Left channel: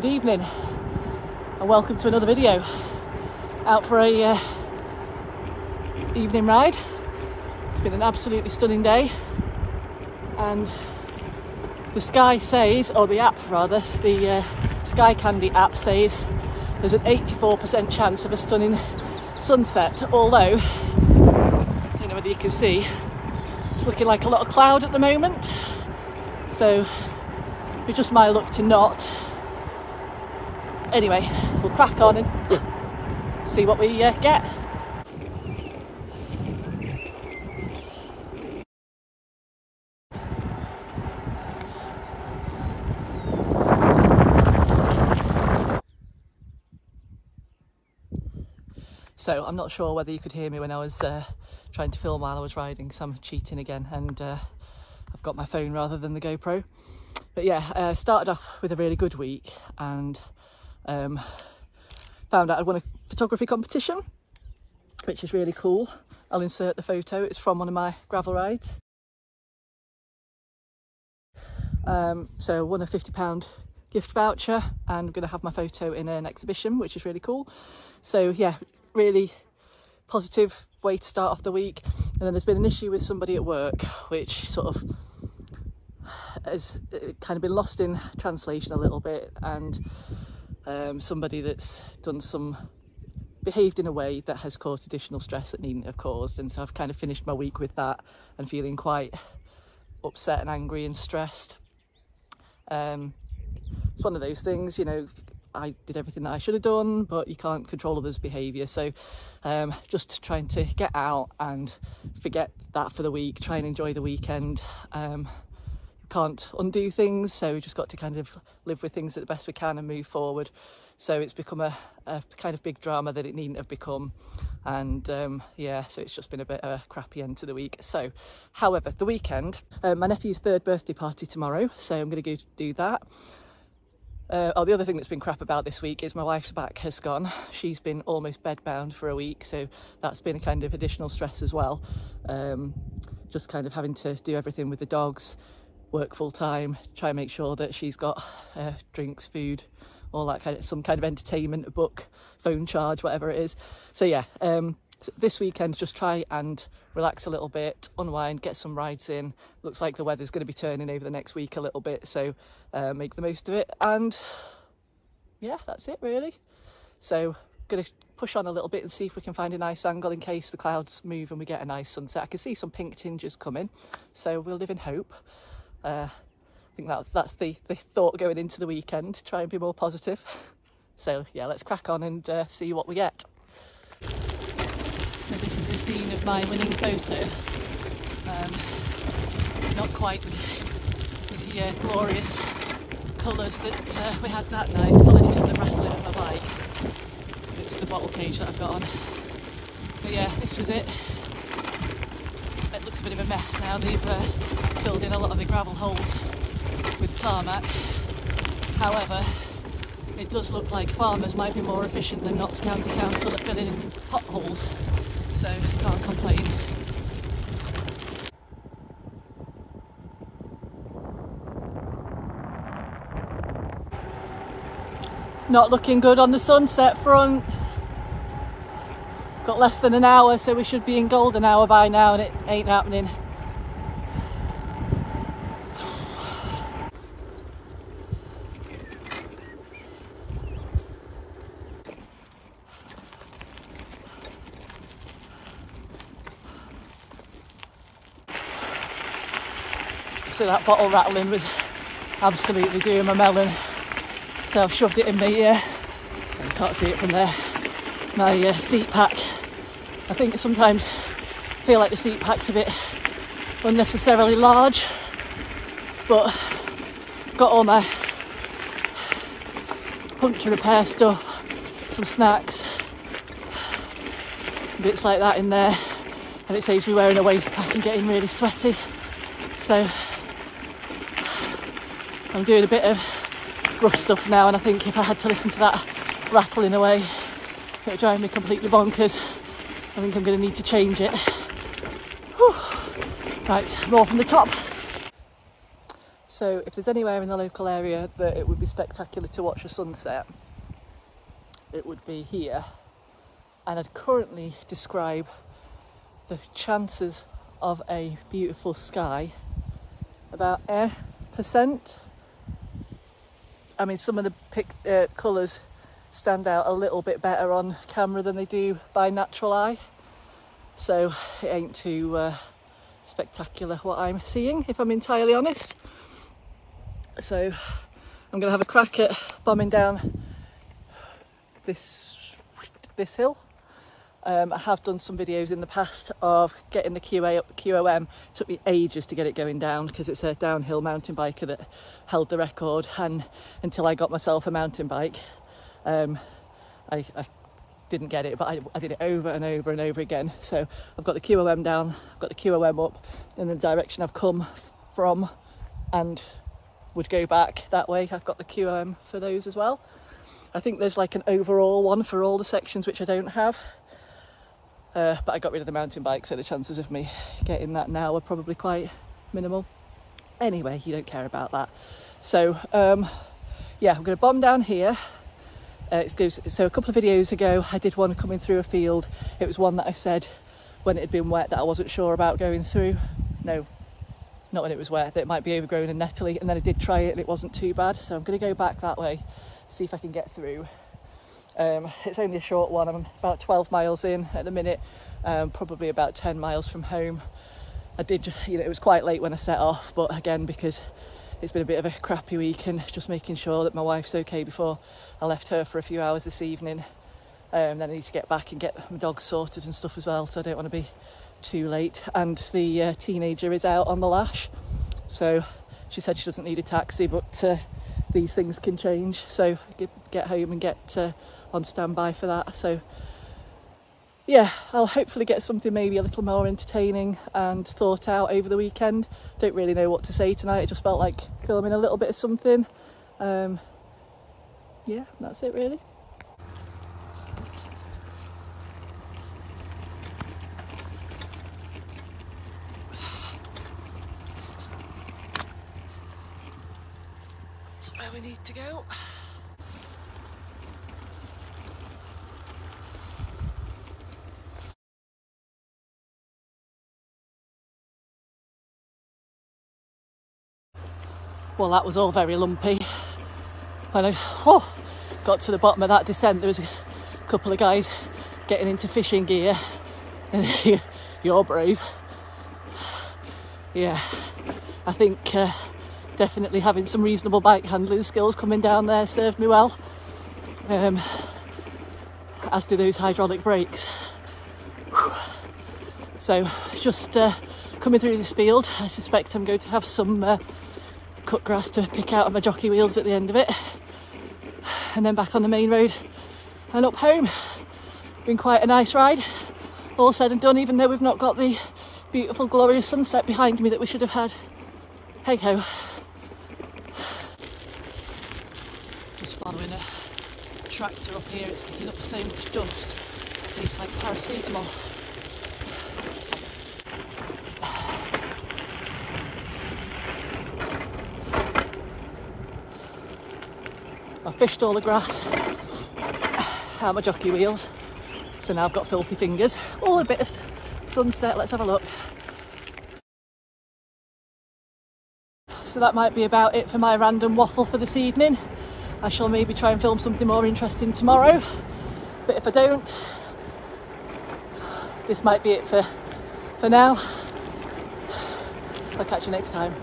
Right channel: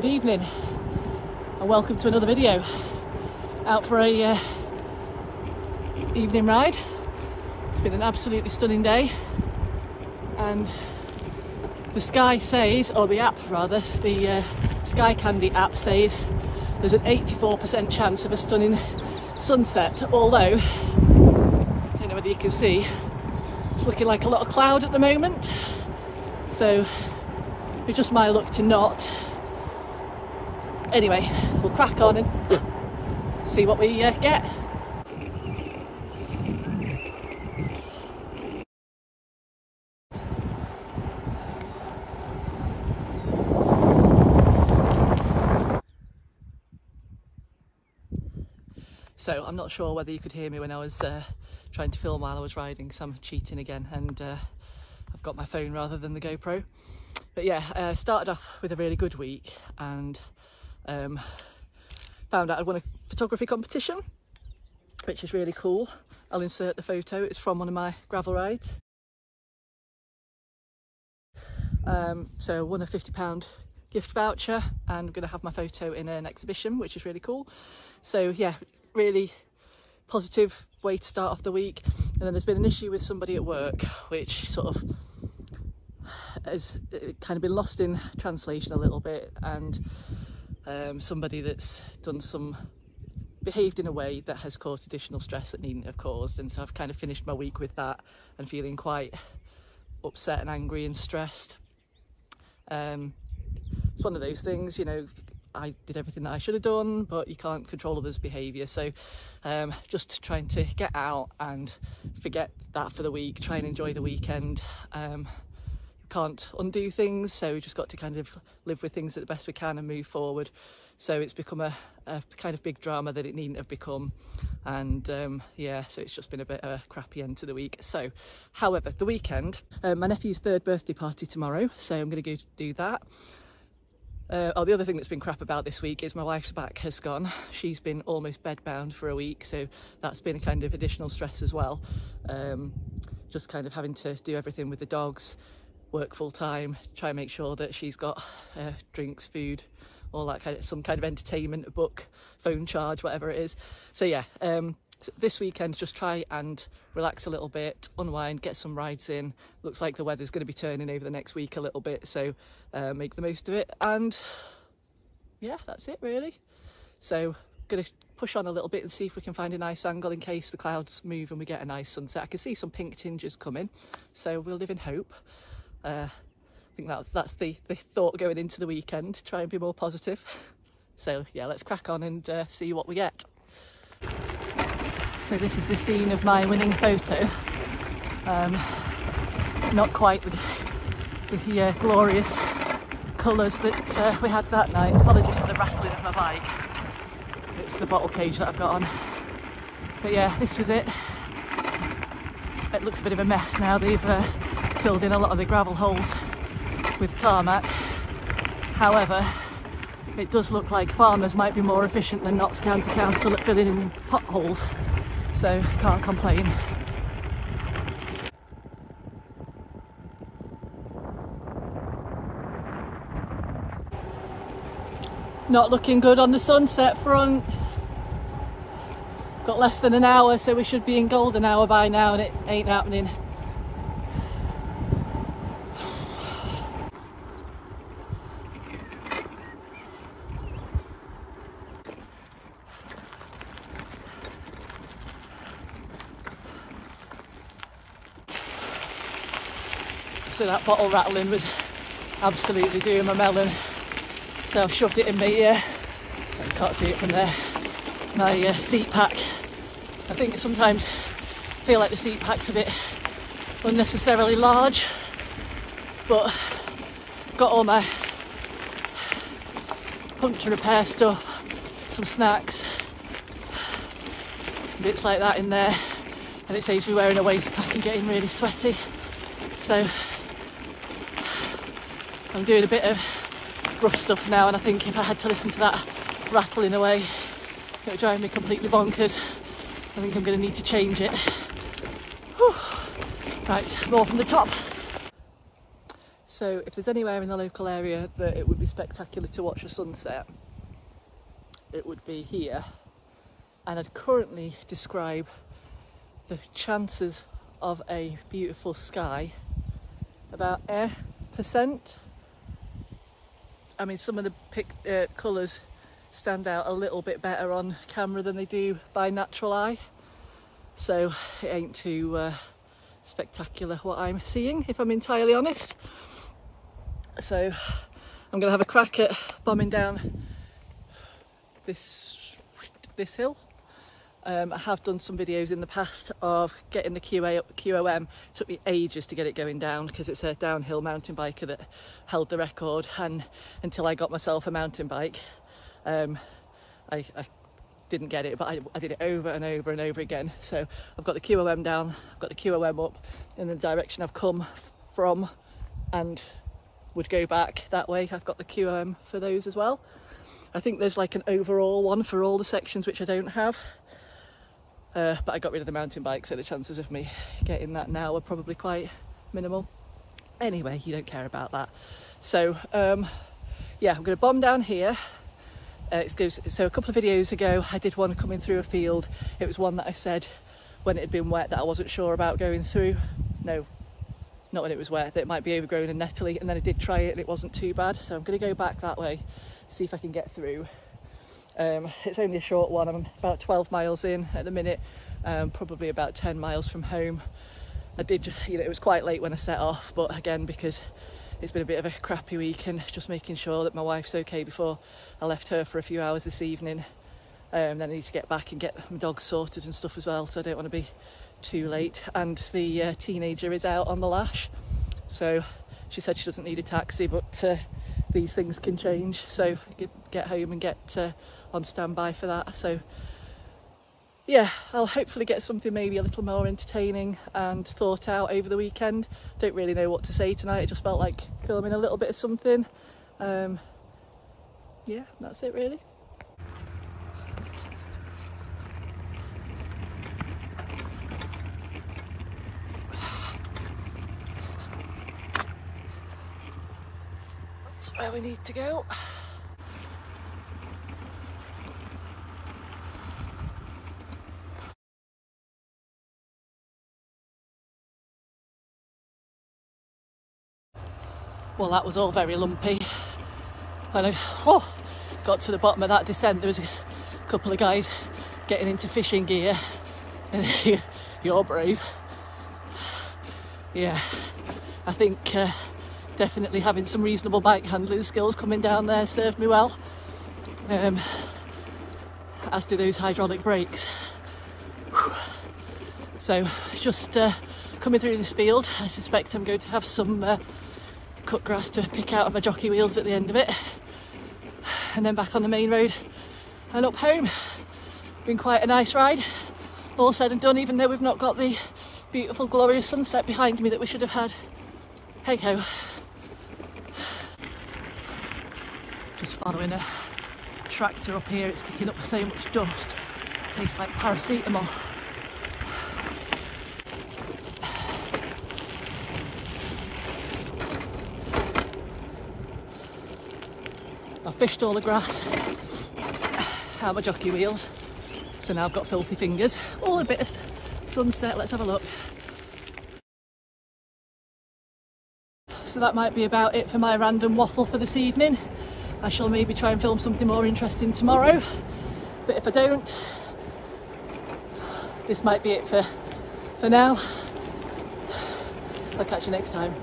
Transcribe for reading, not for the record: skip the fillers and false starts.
Good evening and welcome to another video. Out for a evening ride. It's been an absolutely stunning day and the sky says, or the app rather, the Sky Candy app says there's an 84% chance of a stunning sunset, although I don't know whether you can see, it's looking like a lot of cloud at the moment, so it's just my luck to not. Anyway, we'll crack on and see what we get. So I'm not sure whether you could hear me when I was trying to film while I was riding, so I'm cheating again, and I've got my phone rather than the GoPro. But yeah, started off with a really good week and found out I'd won a photography competition, which is really cool. I'll insert the photo, it's from one of my gravel rides. So won a £50 gift voucher and I'm going to have my photo in an exhibition, which is really cool. So yeah, really positive way to start off the week. And then there's been an issue with somebody at work which sort of has kind of been lost in translation a little bit, and somebody that's behaved in a way that has caused additional stress that needn't have caused, and so I've kind of finished my week with that and feeling quite upset and angry and stressed. It's one of those things, you know, I did everything that I should have done, but you can't control others' behaviour, so just trying to get out and forget that for the week, try and enjoy the weekend. Can't undo things, so we just got to kind of live with things at the best we can and move forward. So it's become a kind of big drama that it needn't have become, and yeah, so it's just been a bit of a crappy end to the week. So however, the weekend, my nephew's 3rd birthday party tomorrow, so I'm going to go do that. The other thing that's been crap about this week is my wife's back has gone. She's been almost bedbound for a week, so that's been a kind of additional stress as well. Just kind of having to do everything with the dogs, work full time, try and make sure that she's got drinks, food, all that kind of, some kind of entertainment, a book, phone charge, whatever it is. So yeah, this weekend just try and relax a little bit, unwind, get some rides in. Looks like the weather's going to be turning over the next week a little bit, so make the most of it. And yeah, that's it really. So gonna push on a little bit and see if we can find a nice angle in case the clouds move and we get a nice sunset. I can see some pink tinges coming, so we'll live in hope. I think that's the thought going into the weekend, try and be more positive. So yeah, let's crack on and see what we get. So this is the scene of my winning photo. Not quite the glorious colours that we had that night. Apologies for the rattling of my bike. It's the bottle cage that I've got on. But yeah, this was it. It looks a bit of a mess now. They've filled in a lot of the gravel holes with tarmac. However, it does look like farmers might be more efficient than Notts County Council at filling in potholes, so can't complain. Not looking good on the sunset front. Got less than an hour, so we should be in golden hour by now, and it ain't happening. So that bottle rattling was absolutely doing my melon. So I've shoved it in my, can't see it from there, my seat pack. I think sometimes I feel like the seat pack's a bit unnecessarily large, but got all my puncture repair stuff, some snacks, bits like that in there, and it saves me wearing a waist pack and getting really sweaty. So I'm doing a bit of rough stuff now, and I think if I had to listen to that rattling away, it would drive me completely bonkers. I think I'm going to need to change it. Whew. Right, more from the top. So if there's anywhere in the local area that it would be spectacular to watch a sunset, it would be here. And I'd currently describe the chances of a beautiful sky about %. I mean, some of the colours stand out a little bit better on camera than they do by natural eye, so it ain't too spectacular what I'm seeing, if I'm entirely honest. So I'm gonna have a crack at bombing down this hill. I have done some videos in the past of getting the QOM. It took me ages to get it going down because it's a downhill mountain biker that held the record, and until I got myself a mountain bike, I didn't get it, but I did it over and over and over again. So I've got the QOM down, I've got the QOM up in the direction I've come from and would go back that way. I've got the QOM for those as well. I think there's like an overall one for all the sections, which I don't have. But I got rid of the mountain bike, so the chances of me getting that now are probably quite minimal. Anyway, you don't care about that. So yeah, I'm going to bomb down here. So a couple of videos ago I did one coming through a field. It was one that I said when it had been wet that I wasn't sure about going through. No, not when it was wet, that it might be overgrown and nettly, and then I did try it and it wasn't too bad. So I'm going to go back that way, see if I can get through. It's only a short one. I'm about 12 miles in at the minute, probably about 10 miles from home. I did, it was quite late when I set off, but again, because it's been a bit of a crappy week and just making sure that my wife's okay before I left her for a few hours this evening. Then I need to get back and get my dogs sorted and stuff as well, so I don't want to be too late. And the teenager is out on the lash, so she said she doesn't need a taxi, but these things can change, so get home and get on standby for that. So yeah, I'll hopefully get something maybe a little more entertaining and thought out over the weekend. Don't really know what to say tonight. It just felt like filming a little bit of something. Yeah, that's it really. That's where we need to go. Well, that was all very lumpy. When I got to the bottom of that descent, there was a couple of guys getting into fishing gear, and you're brave. Yeah, I think definitely having some reasonable bike handling skills coming down there served me well, as do those hydraulic brakes. So just coming through this field, I suspect I'm going to have some cut grass to pick out of my jockey wheels at the end of it, and then back on the main road and up home. Been quite a nice ride, all said and done, even though we've not got the beautiful glorious sunset behind me that we should have had. Hey ho. Just following a tractor up here, it's kicking up so much dust, it tastes like paracetamol. I've fished all the grass out my jockey wheels, so now I've got filthy fingers. Oh, a bit of sunset, let's have a look. So that might be about it for my random waffle for this evening. I shall maybe try and film something more interesting tomorrow, but if I don't, this might be it for now. I'll catch you next time.